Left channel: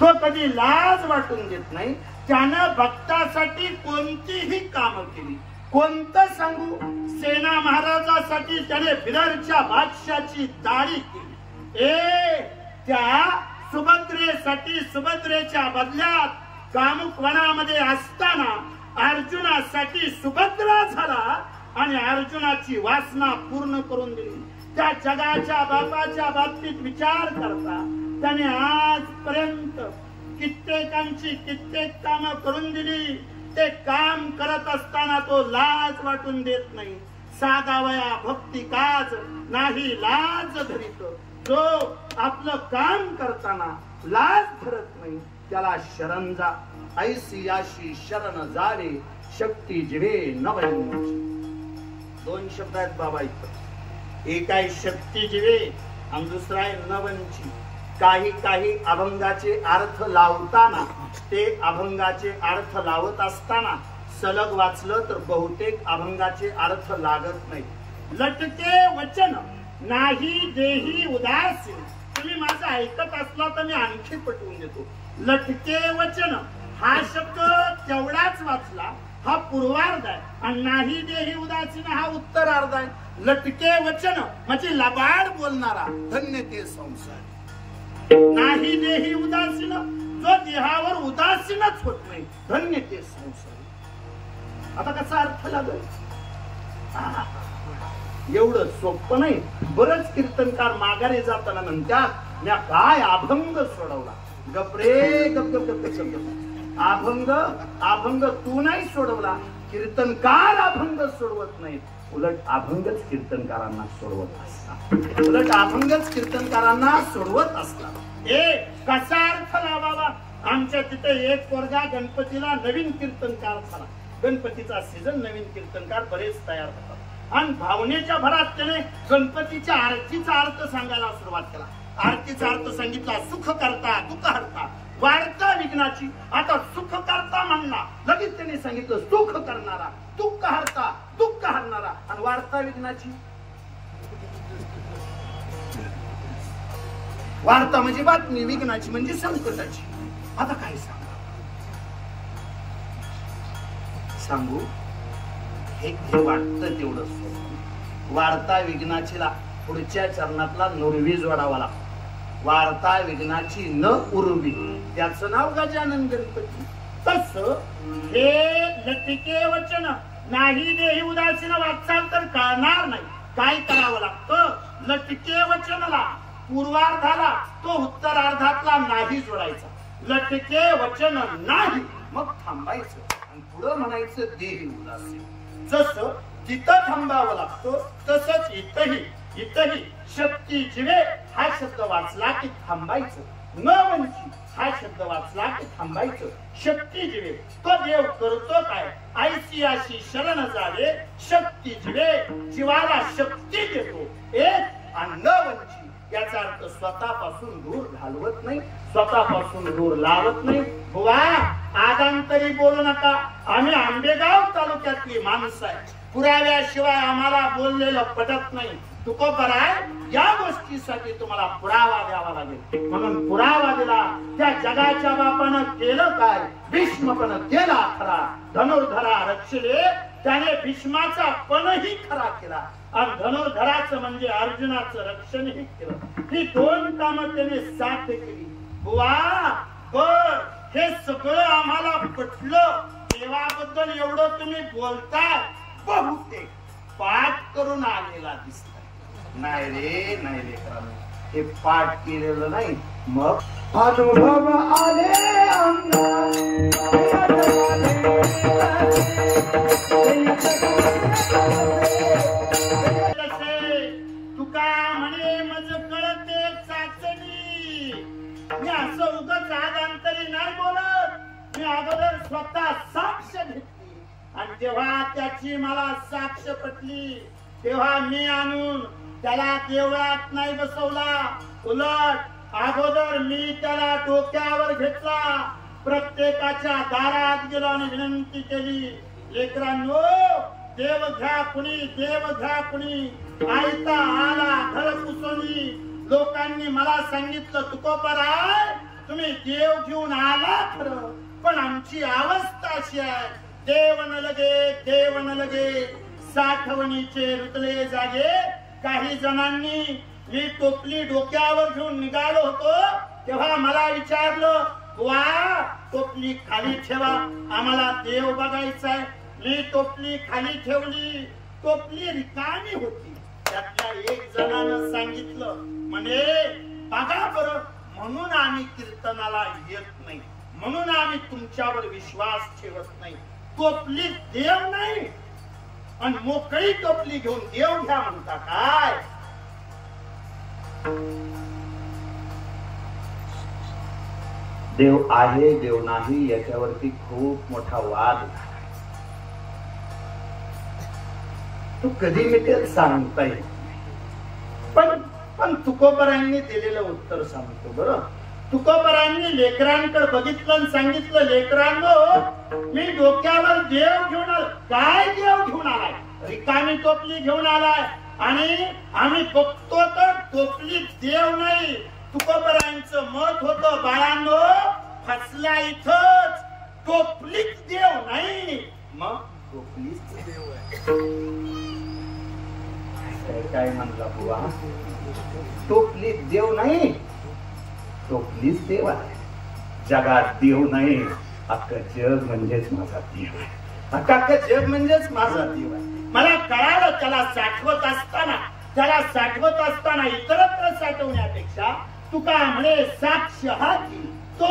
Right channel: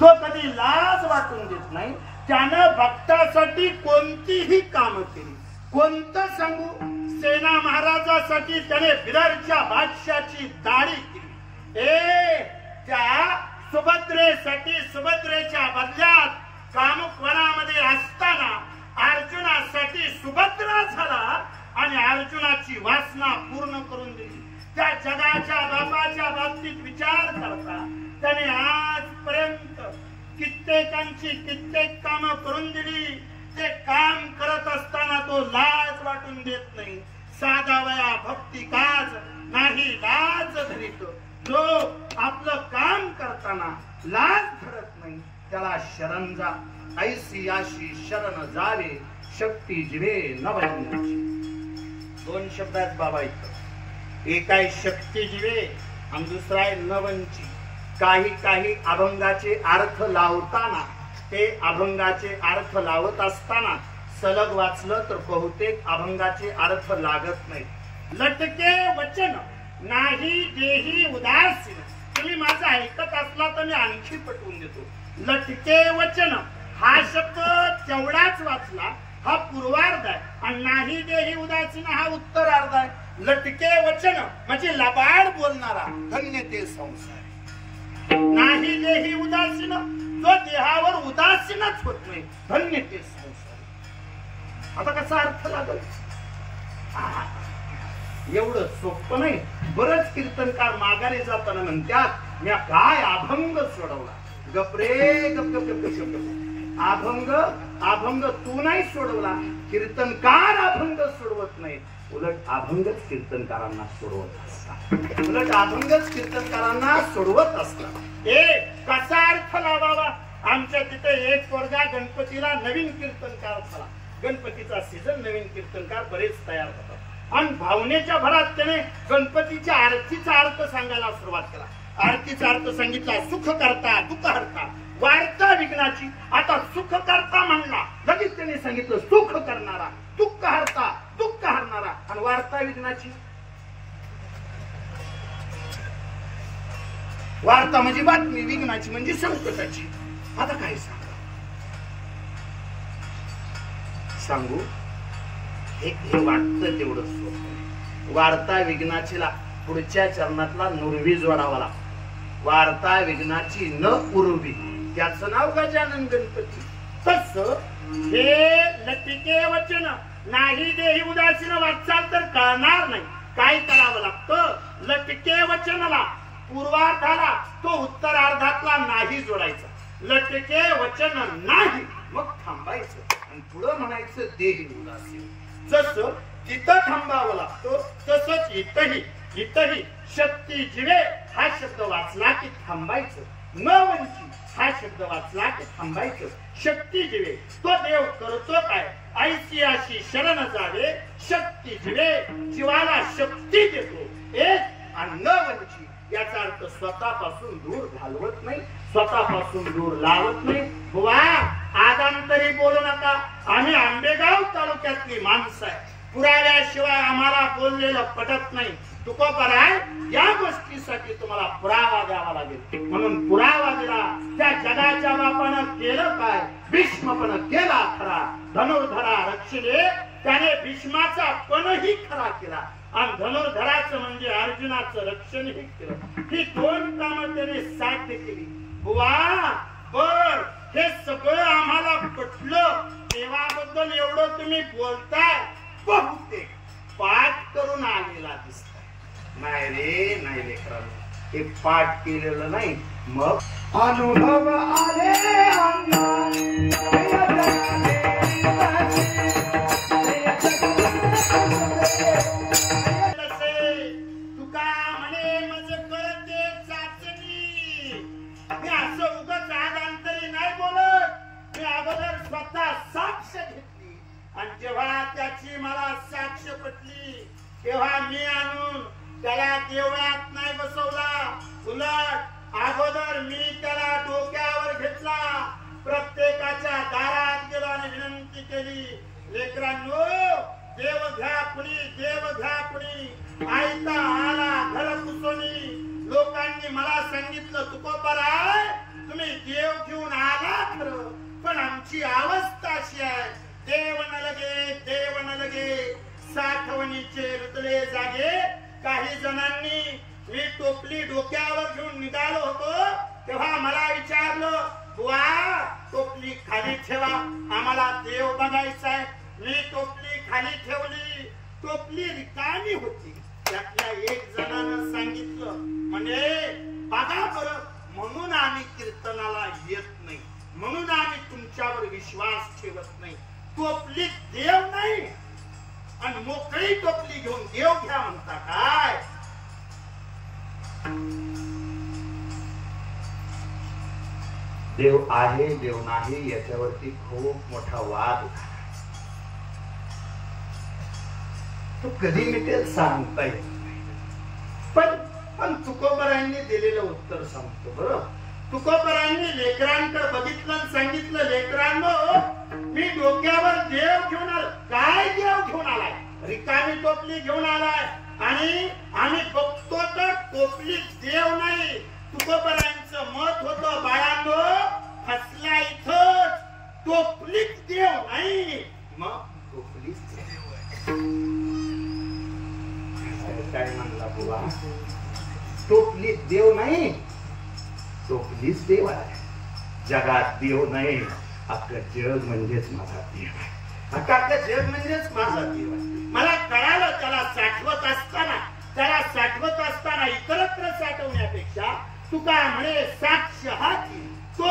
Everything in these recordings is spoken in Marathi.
तो कधी लाज वाटून देत नाही. त्यानं भक्तासाठी कोणतीही कामं केली. कोणतं सांगू? सेना महाराजासाठी त्याने बिदरच्या बादशाची दाढी केली. त्या सुभद्रेसाठी सुभद्रेच्या बदल्यात कामुक वनामध्ये असताना अर्जुनासाठी सुभद्रा झाला आणि अर्जुनाची वासना पूर्ण करून दिली. त्या जगाच्या बापाच्या बाबतीत विचार करता त्याने आजपर्यंत कित्येकांची कित्येक कामं करून दिली. ते काम करत असताना तो लाज वाटून देत नाही. साधावया भक्ती काज नाही लाज धरीत. जो आपलं काम करताना लाज धरत नाही त्याला शरण जा. ऐसी याशी शरण जावे शक्ती जिवे नवयांची. दोन शब्द आहेत बाबा इथं. एक आहे शक्ती जिवे आणि दुसरा आहे नवंची. काही अभंगाचे अर्थ लावताना ते अभंगाचे अर्थ लावत असताना सलग वाचलं तर बहुतेक अभंगाचे अर्थ लागत नाही. लटके वचन नाही देही उदासीन. तुम्ही माझं ऐकत असला तर मी आणखी पटवून देतो. लटके वचन हा शब्द तेवढाच वाचला, हा पूर्वार्ध आहे आणि नाही देही उदासीन हा उत्तरार्ध आहे. लटके वचन म्हणजे लबाड बोलणारा, धन्य ते संसार. नाही देही उदासीन, जो देहावर उदासीनच होत नाही, धन्य ते संसार. आता कसा अर्थ लागल? एवढं सोपं नाही. बरंच कीर्तनकार माघारी जाताना म्हणतात या काय अभंग सोडवला. गपरे गप गप गप गप. अभंग तू नाही सोडवला, कीर्तनकार अभंग सोडवत नाहीत. उलट अभंगच कीर्तनकारांना सोडवत असतात. उलट अभंगच कीर्तनकारांना सोडवत असतात. कसा अर्थ लावावा? आमच्या तिथे एक पोरगा गणपतीला नवीन कीर्तनकार झाला. गणपतीचा सीझन, नवीन कीर्तनकार बरेच तयार होतात आणि भावनेच्या भरात त्याने गणपतीच्या आरतीचा अर्थ सांगायला सुरुवात केला. आरतीचा अर्थ सांगितला, सुख करता दुःख हरता, वाढता विघ्नाची. आता सुख करता म्हणला, लगेच त्याने सांगितलं सुख करणारा, दुःख हरता दुःख हरणारा आणि वाढता विघ्नाची. वार्ता म्हणजे बातमी, विघ्नाची म्हणजे संकटाची. आता काय सांगू? हे वाटतं तेवढं सोपं. वार्ता विघ्नाचीला पुढच्या चरणातला नुरवी जोडावा लागतो. वार्ता विघ्नाची न उर्वी, त्याचं नाव गजानन गणपती. तस हे लटिके वचन नाही देही उदासीन वाचाल तर कळणार नाही. काय करावं लागतं? लटके वचनाला पूर्वार्धाला तो उत्तरार्धातला नाही जोडायचा. लटके वचन नाही, मग थांबायचं आणि पुढं म्हणायचं देही उदासीन. जसं तिथं थांबावं लागतो तसंच इथही शक्ती जिवे हा शब्द वाचला की थांबायचं. न वंची हा शब्द वाचला की थांबायचं. शक्ती जिवे तो देव करतो काय? ऐसी अशी शरण जावे शक्ती जिवे, जीवाला शक्ती देतो. एक आणि न वंची याचा अर्थ स्वतःपासून दूर घालवत नाही, स्वतःपासून दूर लावत नाही. बुवा आगांतरी बोलू नका. आम्ही आंबेगाव तालुक्यातली माणसं आहे. पुराव्याशिवाय आम्हाला बोललेलं पटत नाही. तुकोबराय या गोष्टीसाठी तुम्हाला पुरावा द्यावा लागेल. म्हणून पुरावा दिला. त्या जगाच्या बापानं केलं काय? भीष्म पण केला खरा. धनुर्धरा रक्षिले, त्याने भीष्माचा पणही खरा केला आणि धनुर्धराचं म्हणजे अर्जुनाचं रक्षणही केलं. ही दोन कामं त्याने साध्य केली. बुवा बर हे सगळं आम्हाला पटलं. देवाबद्दल एवढं तुम्ही बोलताय, बहुतेक पाठ करून आलेला दिसताय. नाही रे हे पाठ केलेलं नाही. मग अनुभव आले तुका म्हणे मज कळते चाचणी. मी असं उगाच आगांतरी नाही बोलत. मी अगोदर स्वतः साक्ष घेतली आणि जेव्हा त्याची मला साक्ष पटली तेव्हा मी आणून त्याला देवळात नाही बसवला. उलट अगोदर मी त्याला डोक्यावर घेतला. प्रत्येकाच्या दारात गेलो आणि विनंती केली, लेकरांनो देव घ्या कुणी, देव घ्या कुणी. आयता आला घर पुसोनी. लोकांनी मला सांगितलं तुकोबराय तुम्ही देव घेऊन आला खरं, पण आमची अवस्था अशी आहे, देव न लगे साठवणीचे रुतले जागे. काही जणांनी मी टोपली डोक्यावर घेऊन निघालो होतो तेव्हा मला विचारलं, बुवा टोपली खाली ठेवा, आम्हाला देव बघायचा आहे. मी टोपली खाली ठेवली, टोपली रिकामी होती. त्यातल्या एक जणानं सांगितलं, म्हणे बघा बरं, म्हणून आम्ही कीर्तनाला येत नाही, म्हणून आम्ही तुमच्यावर विश्वास ठेवत नाही. टोपली देव नाही आणि मोकळी टोपली घेऊन देव घ्या म्हणता काय? देव आहे देव नाही याच्यावरती खूप मोठा वाद झाला. तो कधी मिटेल सांगता येत नाही. पण तुकोबरांनी दिलेलं उत्तर सांगतो बरं. तुकोबरांनी लेकरांकडे बघितलं आणि सांगितलं, लेकरांनो मी डोक्यावर देव घेऊन आलो. काय देव घेऊन आलाय? रिकामी टोपली घेऊन आलाय. आणि आम्ही बघतो तर टोपली देव नाही. तुकोबरांचं मत होतं, बाळांनो फसला इथंच, टोपलीच देव नाही. मग टोपलीच देव आहे काय म्हणला बुवा? टोपली देव नाही, टोपलीच देव आहे. जगात देव नाही, अख्खं जग म्हणजेच माझा देव आहे. अख्खं जग म्हणजेच माझा देव आहे. मला कळालं, त्याला साठवत असताना इतरत्र साठवण्यापेक्षा तुका म्हणे साक्ष हाती तो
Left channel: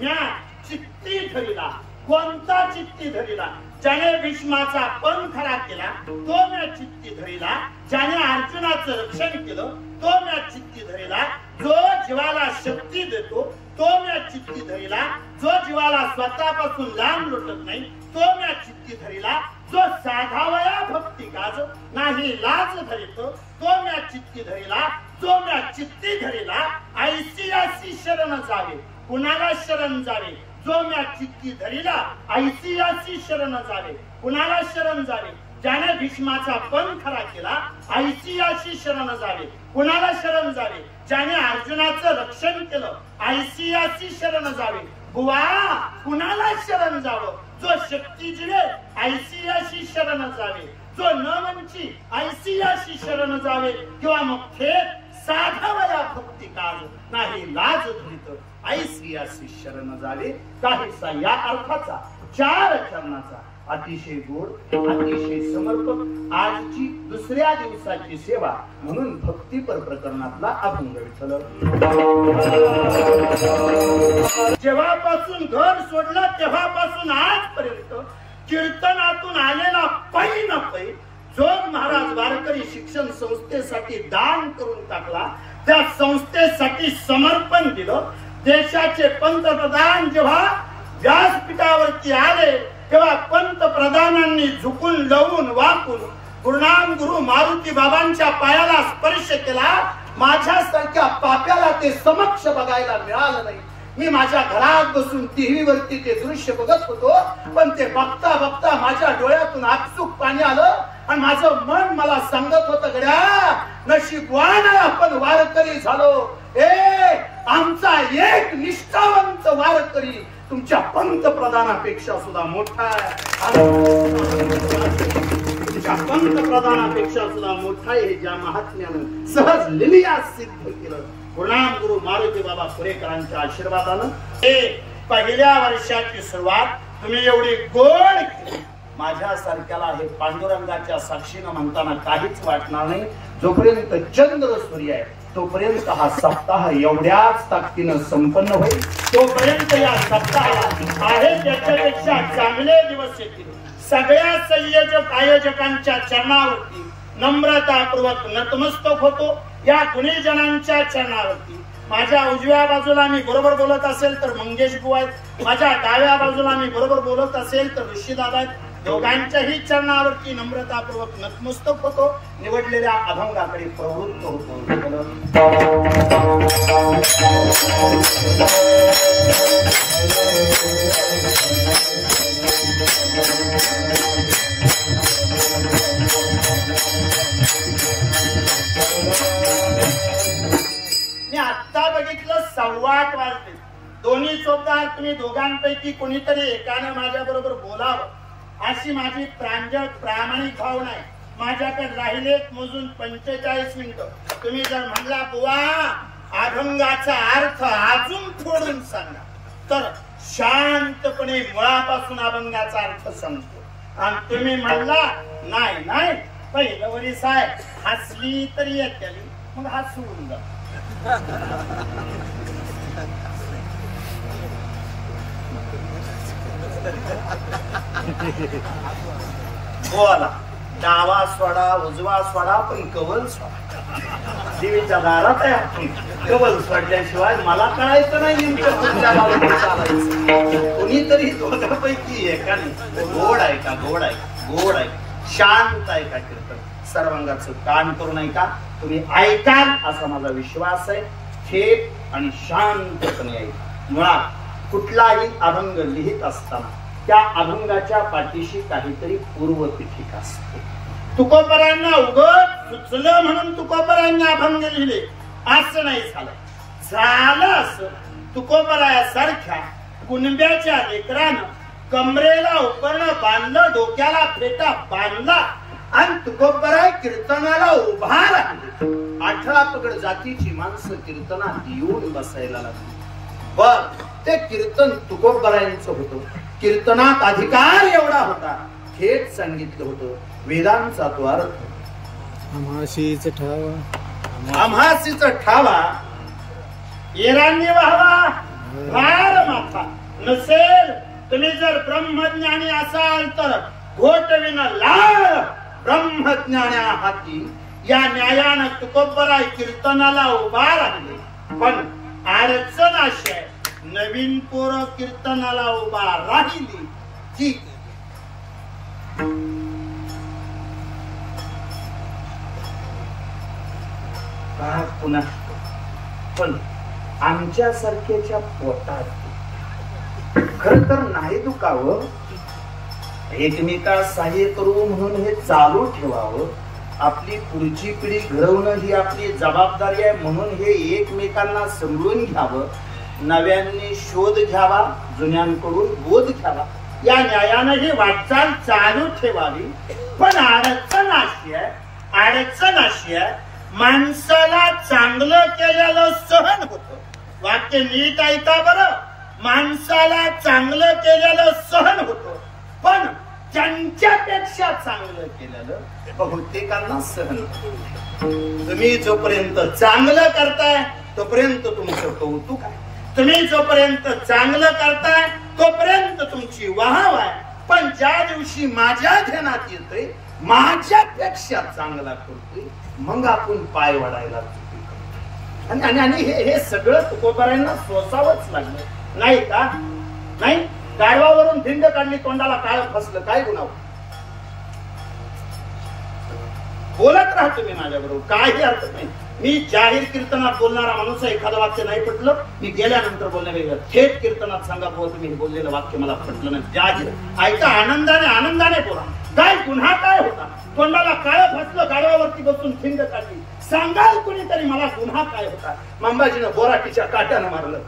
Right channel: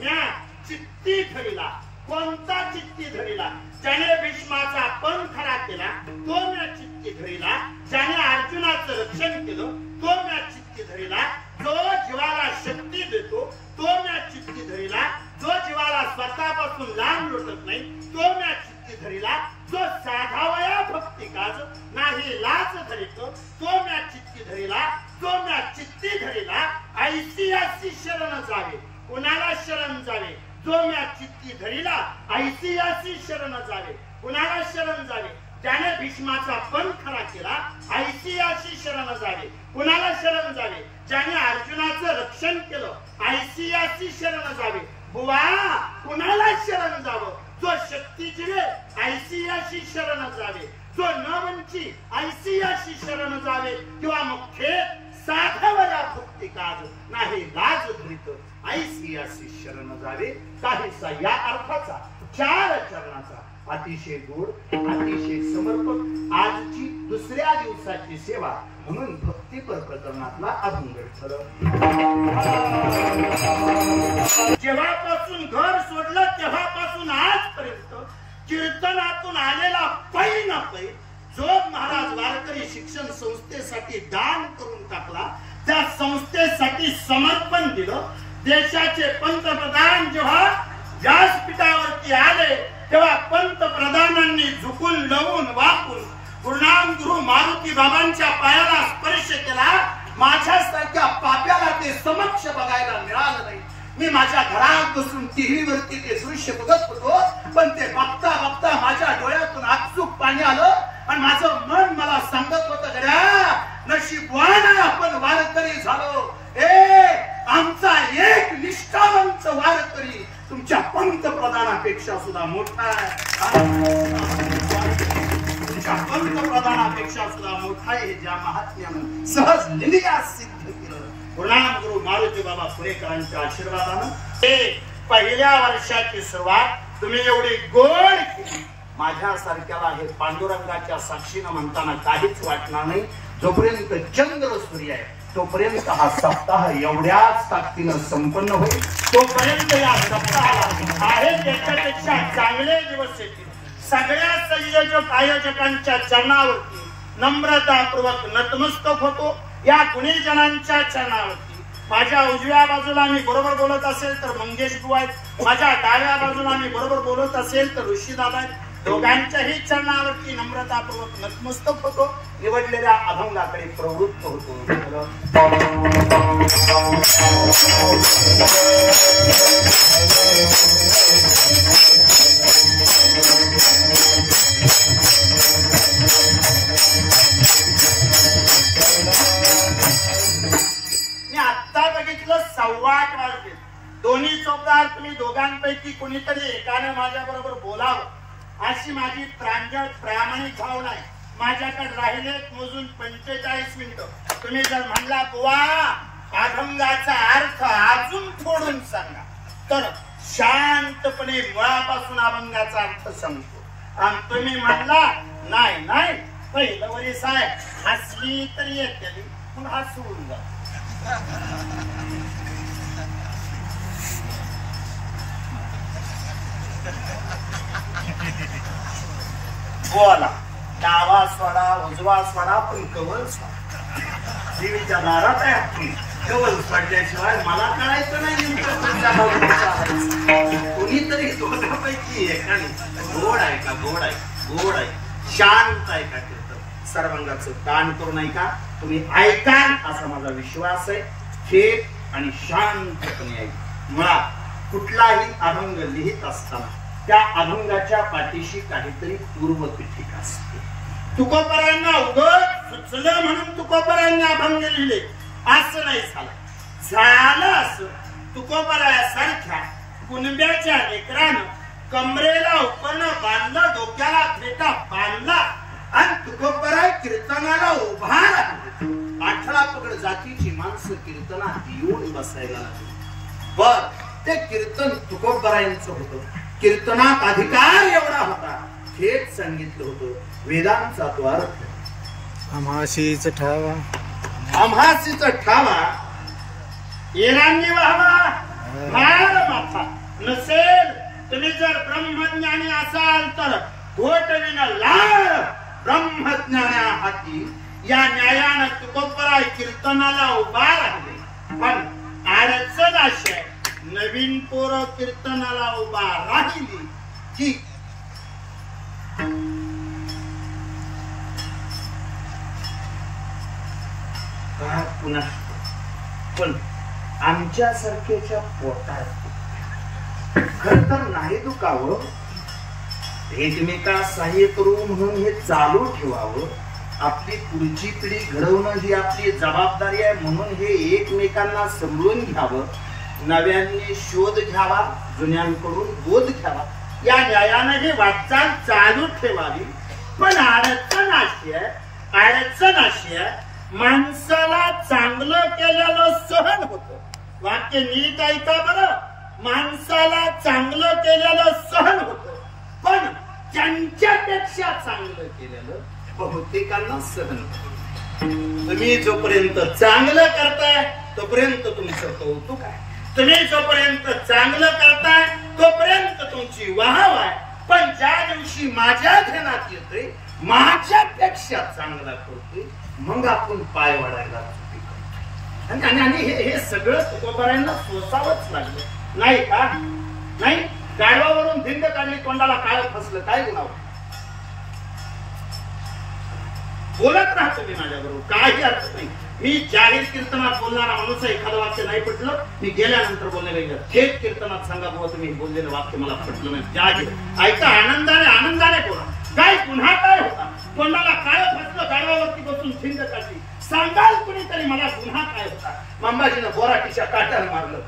म्या चित्ती धरिला. कोणता चित्ती धरिला? ज्याने भीष्माचा पंखरा केला तो म्या चित्ती धरिला. ज्याने अर्जुनाचं रक्षण केलं तो म्या चित्ती धरिला. जो जीवाला शक्ती देतो तो म्या चित्ती धरिला. जो जीवाला स्वतःपासून लांब लुटत नाही तो म्या चित्ती धरिला. जो साधावया भक्ती काज नाही लाज धरितो तो म्या चित्ती धरिला. जो म्या चित्ती धरिला ऐसियासी शरण जावे, कुणाला शरण जावे? जो म्या चित्ती धरिला ऐसियासी शरण जावे, कुणाला शरण जावे? ज्याने भीष्माचा पंखरा केला ऐसियाशी शरण जावे, कुणाला शरण जावे? ज्याने अर्जुनाचं रक्षण केलं ऐसियाशी शरण जावे. बुवा कुणाला शरण जावं? जो शक्ती जिवे ऐसियाशी शरण जावे, जो न वंची ऐसियाशी शरण जावे. किंवा मग थेट साधावया भक्ती काज नाही लाज धरित ऐसियाशी शरण जावे. काहीसा या अर्थाचा 4 चरणाचा अतिशय गोड, अतिशय समर्पक आजची दुसऱ्या दिवसाची सेवा म्हणून भक्तीपर प्रकरणातला अभंग विठ्ठल. जेव्हापासून घर सोडलं तेव्हापासून आजपर्यंत कीर्तनातून आलेला पै न पै जोग महाराज वारकरी शिक्षण संस्थेसाठी दान करून टाकला. त्या संस्थेसाठी समर्पण दिलं. देशाचे पंतप्रधान जेव्हा व्यासपीठावरती आले तेव्हा पंतप्रधानांनी झुकून लवून वाकून गुरुनाम गुरु मारुती बाबांच्या पायाला स्पर्श केला. माझ्यासारख्या पाप्याला ते समक्ष बघायला मिळालं नाही. मी माझ्या घरात बसून टीव्ही वरती ते दृश्य बघत होतो, पण ते बघता बघता माझ्या डोळ्यातून आपसूक पाणी आलं आणि माझं मन मला सांगत होतं, गड्या नशीबवान आहे आपण वारकरी झालो. आमचा एक निष्ठावंत वारकरी तुमच्या पंतप्रधानापेक्षा सुद्धा मोठा आहे. तुमच्या पंतप्रधानापेक्षा सुद्धा मोठा आहे. ज्या महात्म्यानं सहज लिलिया सिद्ध केलं गुरुनाम गुरु मारुती बाबा पुरेकरांच्या आशीर्वादानं हे पहिल्या वर्षाची सुरुवात तुम्ही एवढी गोड केली. माझ्यासारख्याला हे पांडुरंगाच्या साक्षीनं म्हणताना काहीच वाटणार नाही. जोपर्यंत चंद्र सूर्य आहे तोपर्यंत हा सप्ताह एवढ्याच ताकदीनं संपन्न होईल. तोपर्यंत या सप्ताहाला आहे त्याच्यापेक्षा चांगले दिवस येतील. सगळ्या संयोजक आयोजकांच्या चरणावरती नम्रतापूर्वक नतमस्तक होतो. या गुणीजनांच्या चरणावरती माझ्या उजव्या बाजूला मी बरोबर बोलत असेल तर मंगेश बुवा आहेत, माझ्या डाव्या बाजूला मी बरोबर बोलत असेल तर ऋषीदादा आहेत. दोघांच्याही चरणावरती नम्रतापूर्वक नतमस्तक होतो. निवडलेल्या अभंगाकडे प्रवृत्त होतो. मी आत्ता बघितलं 8:15 वाजले. दोन्ही चोपदार तुम्ही दोघांपैकी कोणीतरी एकानं माझ्या बरोबर बोलावं अशी माझी प्रांजळ प्रामाणिक भावना आहे. माझ्याकडे राहिलेत मोजून 45 मिनिटं. तुम्ही जर म्हणला बुवा अभंगाचा अर्थ अजून थोडून सांगा तर शांतपणे मुळापासून अभंगाचा अर्थ सांगतो. आणि तुम्ही म्हणला नाही नाही पहिलं वरी साहेब हसली तरी येते मग हात सोडून जा. बोला डावा सोडा उजवा सोडा पण कवल सोडा. देवीच्या दारात आहे आपण कवल सोडल्याशिवाय मला कळायचं नाही नेमकं पुढच्या बाजूला चालायचं. कोणीतरी दोघांपैकी एकाने गोड आहे का गोड आहे गोड आहे शांत आहे का कीर्तन सर्वांगाचं कान करून ऐका. तुम्ही ऐकाल असा माझा विश्वास आहे. थेट आणि शांतपणे ऐक. मुळात कुठलाही अभंग लिहित असताना त्या अभंगाच्या पाठीशी काहीतरी पूर्वपीठिका असते. तुकोबरायांना उगत सुचलं म्हणून तुकोबरायांनी अभंग लिहिले असं नाही झालं. झालं असं तुकोबरायासारख्या कुणब्याच्या लेकरानं कमरेला उपरणं बांधलं डोक्याला फेटा बांधला आणि तुकोबराय कीर्तनाला उभा राहिले. 18 पगड जातीची माणसं कीर्तनात येऊन बसायला लागली. बर ते कीर्तन तुकोबरायांचं होतं. कीर्तनात अधिकार एवढा होता. थेट सांगितलं होतं वेदांचा तो अर्थ. आम्हाशीच ठावा आम्हासीच ठावा येरांनी व्हावा भार माथा नसेल. तुम्ही जर ब्रह्मज्ञानी असाल तर घोटविन लाल ब्रह्मज्ञान्या हाती या न्यायानं तुकोबराय कीर्तनाला उभा राहिले. पण अडचण अशी आहे नवीन पोरं कीर्तनाला उभा राहिली की काय पुन्हा पण आमच्यासारख्याच्या पोटात खर तर नाही दुखावं. एकमेका सहाय्य करू म्हणून हे चालू ठेवावं. आपली पुढची पिढी घडवणं ही आपली जबाबदारी आहे म्हणून हे एकमेकांना समजून घ्यावं. नव्यांनी शोध घ्यावा जुन्यांकडून बोध घ्यावा. या न्यायानं ही वाटचाल चालू ठेवावी. पण अडचण अशी आहे माणसाला चांगलं केलेलं सहन होतं. वाक्य नीट ऐका बरं. माणसाला चांगलं केलेलं सहन होतं पण ज्यांच्यापेक्षा चांगलं केलेलं बहुतेकांना सहन होतं. तुम्ही जोपर्यंत चांगलं करताय तोपर्यंत तुमचं कौतुक आहे. तुम्ही जोपर्यंत चांगलं करताय तोपर्यंत तुमची वाहव आहे. पण ज्या दिवशी माझ्या ध्यानात येतोय माझ्यापेक्षा चांगला करतोय मग आपण पाय वडायला आणि हे सगळं तुकोबरायांना सोसावंच लागलं नाही का. नाही गाढवावरून धिंड काढली तोंडाला काळ फसलं काय गुन्हा. बोलत राहा तुम्ही माझ्याबरोबर काही अर्थ नाही. मी जाहीर कीर्तनात बोलणारा माणूस एखादं वाक्य नाही पटलं मी गेल्यानंतर बोलण्याला थेट कीर्तनात सांगा बुवा तुम्ही बोललेलं वाक्य मला पटलं नाही. जाहीर ऐका आनंदाने बोला. काय गुन्हा काय होता. तोंडाला काळ फसलं गाडवावरती बसून थिंड काढली. सांगाल कुणीतरी मला गुन्हा काय होता. मंबाजीनं बोराटीच्या काट्यानं मारलं.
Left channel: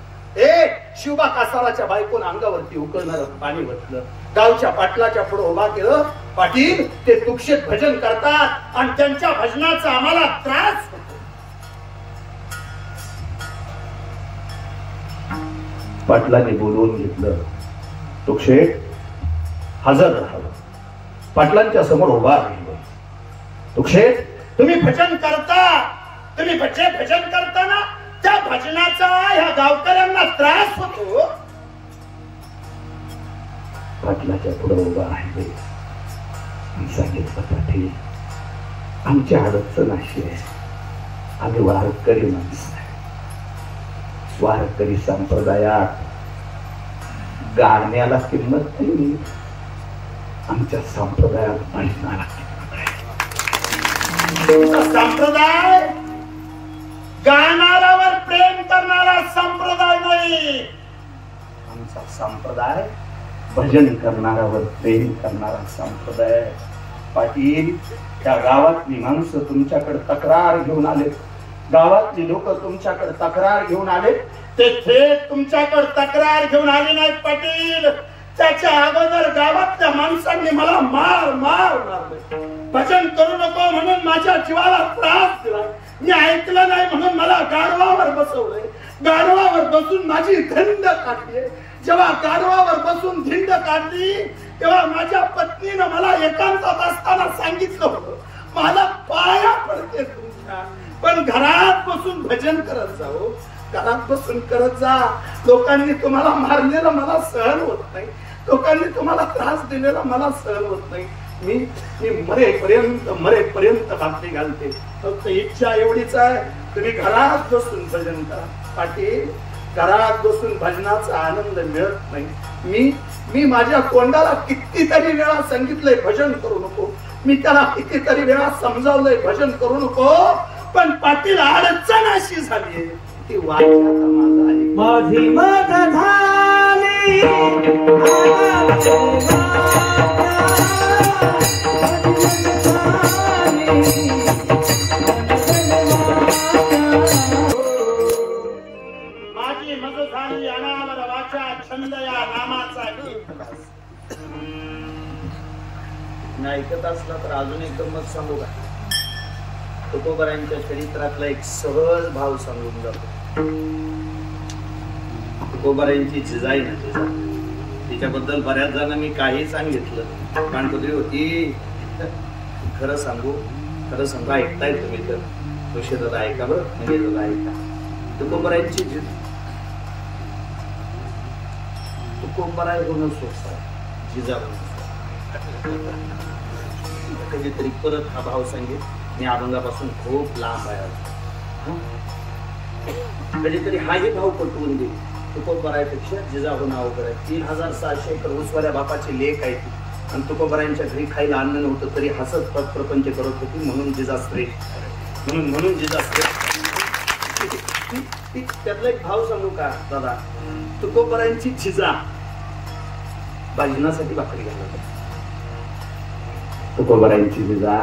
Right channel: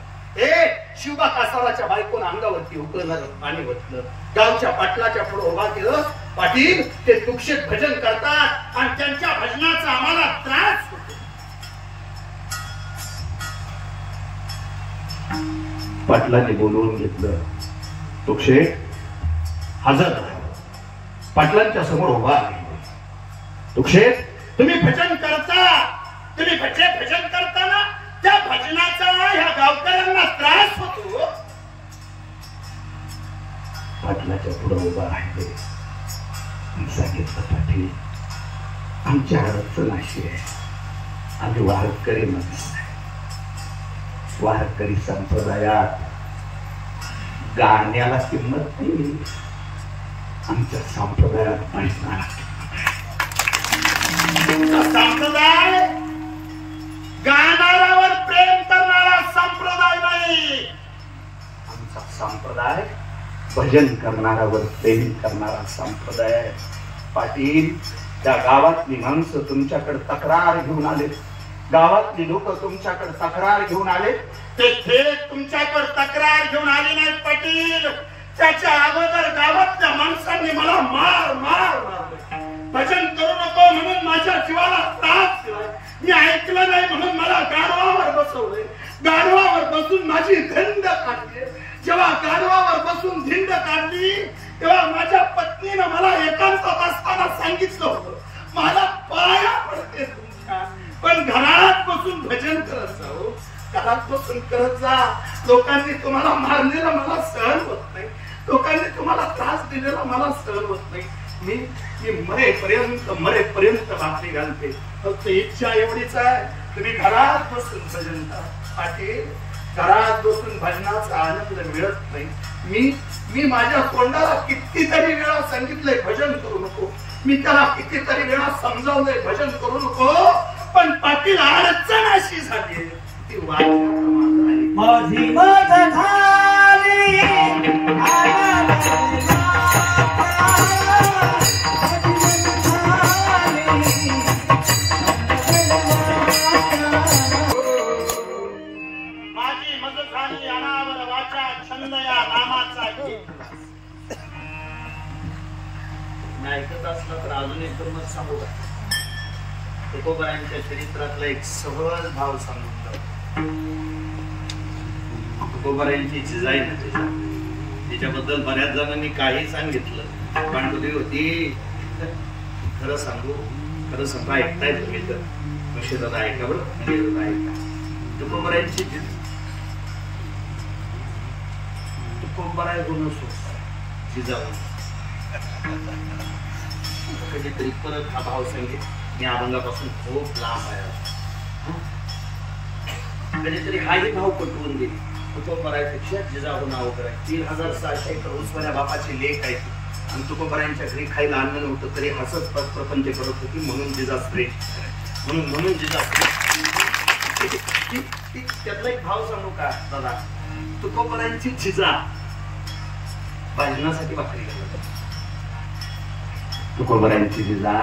शिवबा कासाराच्या बायकोनं अंगावरती उकळणार पाणी वटलं. गावच्या पाटलाच्या पुढे उभा केलं. पाटील ते तुक्षेत भजन करतात आणि त्यांच्या भजनाचा आम्हाला त्रास होतो. पाटलाने बोलवून घेतलं. तुक्षेत हजर राहावं. पाटलांच्या समोर उभा राहिलो. तुक्षेत तुम्ही भजन करताना त्या भजनाचा ह्या गावकऱ्यांना त्रास होतो. पाटलाच्या पुढे उभा राहिले. सांगितलं पाटील आमची अडचण अशी आहे. आम्ही वारकरी माणसं आहे. वारकरी संप्रदायात गाण्याला किंमत नाही. आमच्या संप्रदायात भजनाला संप्रदाय गाणाऱ्यावर प्रेम करणारा संप्रदाय नाही. आमचा संप्रदाय भजन करणाऱ्यावर प्रेम करणारा संप्रदाय आहे. पाटील त्या गावातली माणसं तुमच्याकडे तक्रार घेऊन आले. गावातली लोक तुमच्याकडे तक्रार घेऊन आले. ते थेट तुमच्याकडे तक्रार घेऊन आले नाहीत पाटील. त्याच्या अगोदर गावातल्या माणसांनी मला मार मार मारलं. भजन करू नको म्हणून माझ्या जीवाला त्रास दिलाय. मी ऐकलं नाही म्हणून मला गाढवावर बसवलंय. गाढवावर बसून माझी धिंड काढली. जेव्हा गाढवावर बसून धिंड काढली तेव्हा माझ्या पत्नीनं मला एकांतात असताना सांगितलं होतं, मला पाया पडते तुमच्या, पण घरात बसून भजन करत जाऊ. घरात बसून करत जा. लोकांनी तुम्हाला मारलेलं मला सहन होत नाही. लोकांनी तुम्हाला त्रास दिलेला मला सहन होत नाही. मी मरेपर्यंत भाकरी घालते. फक्त इच्छा एवढीच आहे, तुम्ही घरात बसून भजन करा. पाटील, घरात बसून भजनाचा आनंद मिळत नाही. मी माझ्या तोंडाला कितीतरी वेळा सांगितलंय भजन करू नको. मी त्याला कितीतरी वेळा समजावलंय भजन करू नको. पण पाटील, अडचण अशी झाली ती माझी मग झाली माझी मज झाली अनावर वाचा छंद या नामाचा गीत. ऐकत असला तर अजून एकदम मत सांगू का? तुकोबारायांच्या चरित्रातला एक सहज भाव सांगून जातो. तुकोबारायांची जिजाई ना जिजा, तिच्याबद्दल बऱ्याच जणांनी काही सांगितलं. पांडुली होती. खरं सांगू ऐकताय तुम्ही तर कशी ऐका बरं. म्हणजे ऐका. तुकोबारायांची तुकोबाराय होणं सोपं आहे, जिजा कधीतरी परत हा भाव सांगेल. मी अभंगापासून खूप लांब आहे. कधीतरी हाही भाव पटवून देईल. तुकोबारायपेक्षा जिजाऊन अवघड आहे. 3600 एकर ऊसवाल्या बापाची लेख आहे ती. आणि तुकोबारायांच्या घरी खायला अन्न नव्हतं तरी हसत पद प्रपंच करत होती. म्हणून जिजा श्रेष्ठ. म्हणून जिजा श्रेष्ठ. त्यातला एक भाव सांगू का दादा? तुकोबारायांची जिजा भजनासाठी भाकरी घालत. तुकोबारायांची जिजा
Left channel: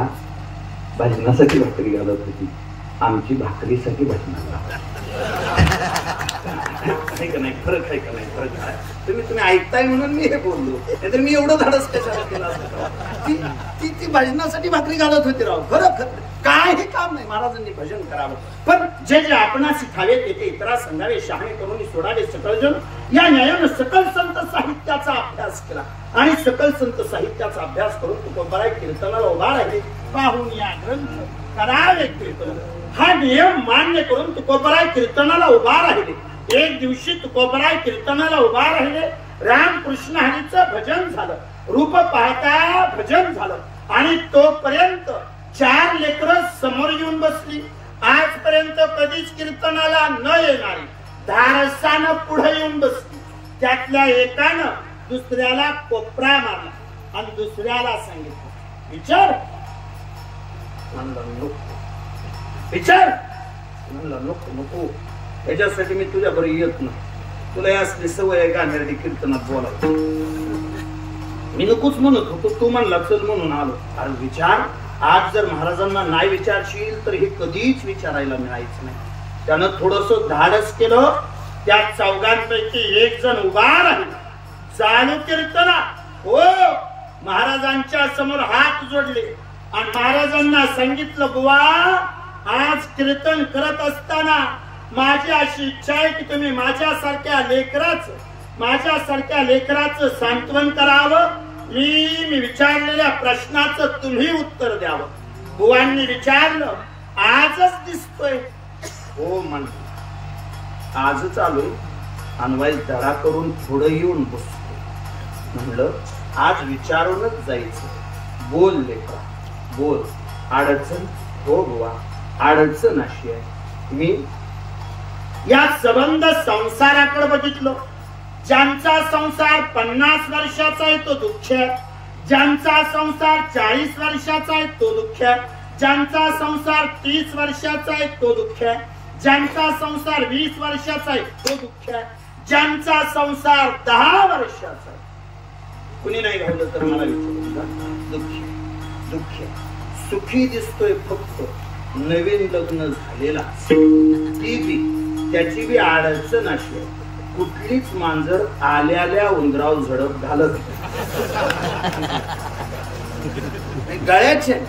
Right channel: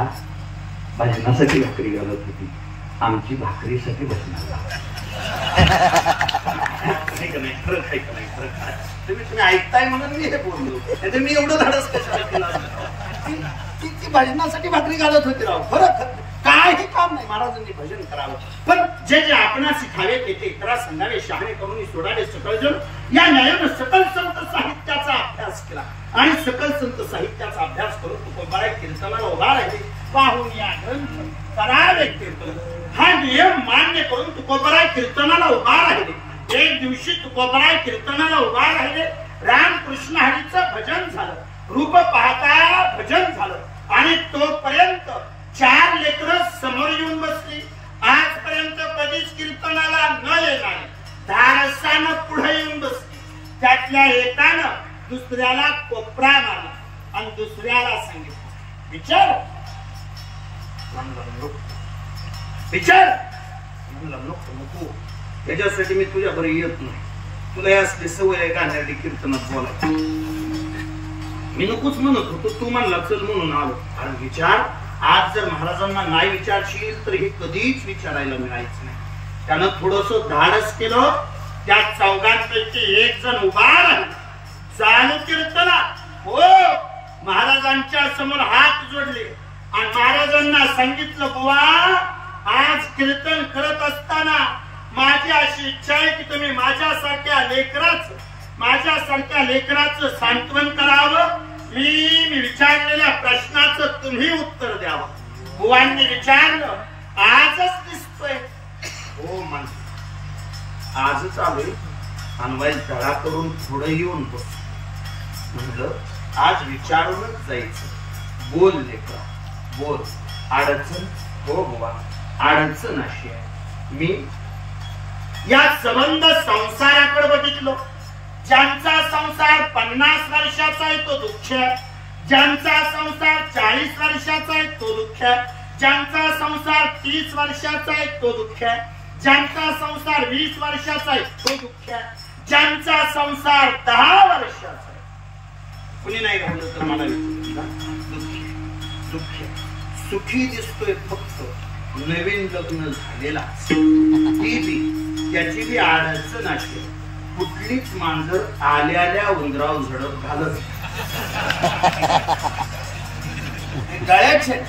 भजनासाठी भाकरी घालत होती. आमची भाकरीसाठी भजनाला खरंच आहे का नाही? खरंच तुम्ही ऐकताय म्हणून मी हे बोललो. नाहीतर मी एवढं धाडस कशाला केलं? ती भजनासाठी भाकरी घालत होती राव. खरं काही काम नाही. महाराजांनी भजन करावं. पण जे आपणास ठावे तेथे इतरा संधावे शहाणे करून सोडावे सकल जण या न्यायानं सकल संत साहित्याचा अभ्यास केला. आणि सकल संत साहित्याचा अभ्यास करून तुकोबाराय कीर्तनाला उभा राहिले. पाहून या ग्रंथ करावे कीर्तन हा नियम मान्य करून तुकोबाराय कीर्तनाला उभा राहिले. एक दिवशी तुकोबाराय कीर्तनाला उभा राहिले. रामकृष्ण हरीचं भजन झालं. रूप पाहता भजन झालं. आणि तोपर्यंत 4 लेकरं समोर येऊन बसली. आजपर्यंत कधीच कीर्तनाला न येणारी धारसानं पुढे येऊन बसली. त्यातल्या एकानं दुसऱ्याला कोपरा मारला आणि दुसऱ्याला सांगितलं, विचार. विचार म्हणलं नको. त्याच्यासाठी मी तुझ्या बरोबर येत नाही. तुला यासली सवय आहे गाण्यासाठी कीर्तनात बोलायचं. मी नकोच म्हणत होतो. तू म्हणला चल म्हणून आलो. अरे विचार. आज जर महाराजांना नाही विचारशील तर हे कधीच विचारायला मिळायचं नाही. त्यानं थोडस धाडस केलं. त्या चौघांपैकी एक जण उभा राहिला. चालू कीर्तना हो महाराजांच्या समोर हात जोडले आणि महाराजांना सांगितलं, बुवा आज कीर्तन करत असताना माझी अशी इच्छा आहे की तुम्ही माझ्यासारख्या लेकराचं सांत्वन करावं. मी विचारलेल्या प्रश्नाचं तुम्ही उत्तर द्यावं. बुवांनी विचारलं, आजच दिसतोय? हो म्हण. आजच आलोय. अनवाई धडा करून पुढे येऊन बसतो. म्हणलं आज विचारूनच जायचं. बोल लेकरा बोल. अडचण? हो बुवा अडचण अशी आहे. मी या संबंध संसाराकडे बघितलो. ज्यांचा संसार 50 वर्षाचा आहे तो दुःख. ज्यांचा संसार 40 वर्षाचा आहे तो दुःख. ज्यांचा संसार 30 वर्षाचा आहे तो दुःख. ज्यांचा संसार 20 वर्षाचा आहे तो दुःख. ज्यांचा संसार 10 वर्षाचा आहे. कुणी नाही घडलं तर मला विचारू. दुःखी सुखी दिसतोय फक्त नवीन लग्न झालेला ती बी त्याची बी अडचण अशी कुठलीच मांजर आल्याल्या उंदराव झडप घालत गळ्याचे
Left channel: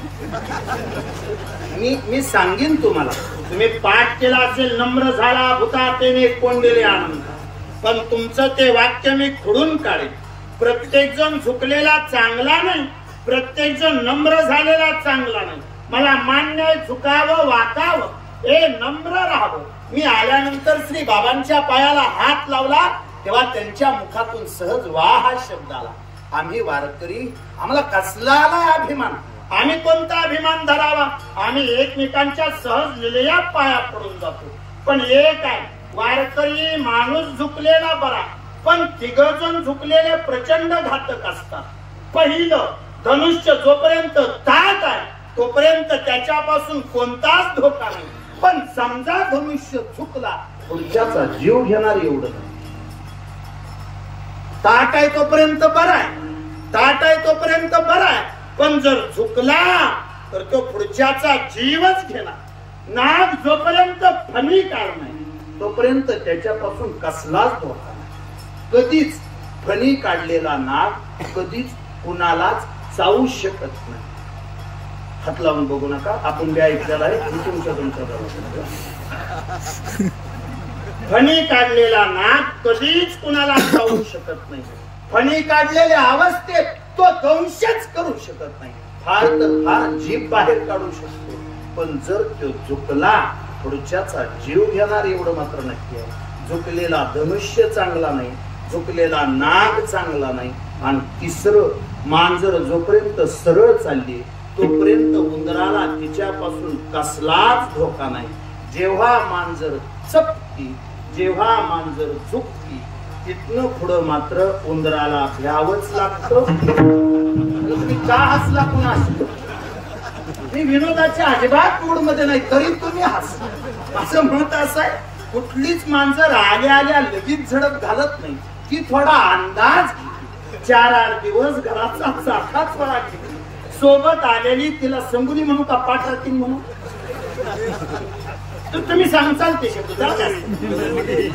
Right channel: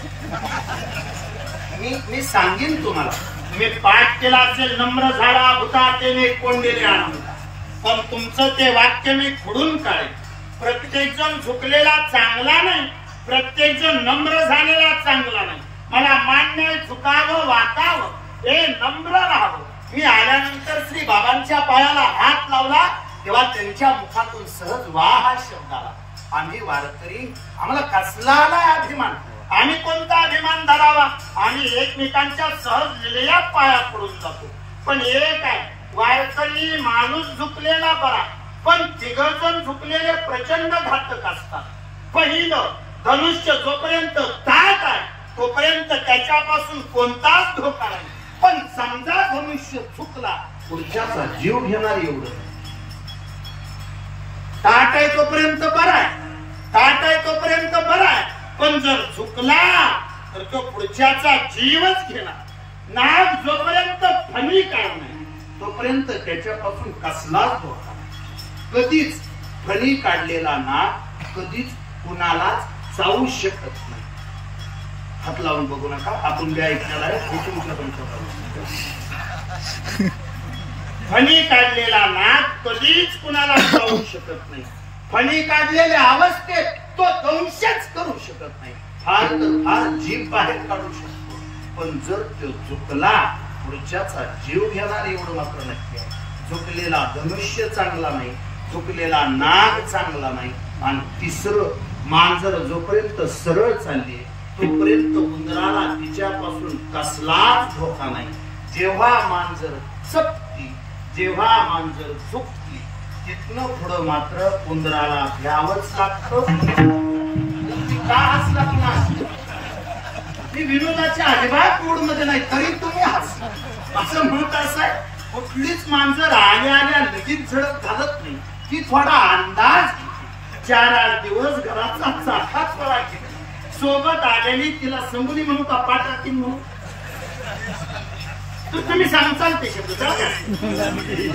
मी सांगेन तुम्हाला. तुम्ही पाठ केला असेल नम्र झाला भूतातेने कोंडलेले आनंद, पण तुमचं ते वाक्य मी खोडून काढेन. प्रत्येक जण झुकलेला चांगला नाही, प्रत्येक जण नम्र झालेला चांगला नाही. मला मान्य आहे झुकावं वाकावं, हे नम्र राहावं. मी आल्यानंतर श्री बाबांच्या पायाला हात लावला तेव्हा त्यांच्या मुखातून सहज वा हा शब्द आला. आम्ही वारकरी, आम्हाला कसला आला अभिमान, आम्ही कोणता अभिमान धरावा. आम्ही एकमेकांच्या सहज लिलेल्यात पाया पडून जातो. पण एक आहे, वारकरी माणूस झुकलेला बरा, पण तिघजण झुकलेले प्रचंड घातक असतात. पहिलं धनुष्य जोपर्यंत ताट आहे तोपर्यंत त्याच्यापासून कोणताच धोका नाही. पण समजा धनुष्य चुकला, पुढच्याचा जीव घेणार एवढं. ताट आहे तोपर्यंत बरा आहे, ताट आहे तोपर्यंत बरा आहे. पण जर चुकला तर तो पुढच्याचा जीवच घेणार. नाग जोपर्यंत फणी काढणार तोपर्यंत त्याच्यापासून कसलाच धोका नाही. कधीच फणी काढलेला नाग कधीच कुणालाच चावू शकत नाही. हात लावून बघू नका, आपण बी ऐकलेला आहे. तुमच्या फणी काढलेला नाग कधीच कुणाला चावू शकत नाही. फणी काढलेल्या अवस्थेत तो दंशच करू शकत नाही. फार तर फार जीभ बाहेर काढू शकतो. पण जर तो चुकला पुढच्याचा जीव घेणार एवढं मात्र नक्की आहे. झुकलेला धनुष्य चांगला नाही, झुकलेला नाग चांगला नाही. आणि तिसरं मांजर जोपर्यंत सरळ चालली तोपर्यंत उंदराला तिच्यापासून कसलाच धोका नाही. जेव्हा मांजर चपती, जेव्हा मांजर झुकती, तिथनं पुढं मात्र उंदराला भ्यावंच लागतं. तुम्ही का हसला पुन्हा? मी विनोदाच्या अजिबात मूड मध्ये नाही, तरी तुम्ही हस. असं म्हणत असं कुठलीच मांजर आल्या आल्या लगेच झडप घालत नाही, की थोडा अंदाज 4-8 दिवस घराचा चाकाच पळा घेते. सोबत आलेली तिला संगुली म्हणू का पाठ राखीन म्हणू? तुम्ही सांगताल ते शब्द.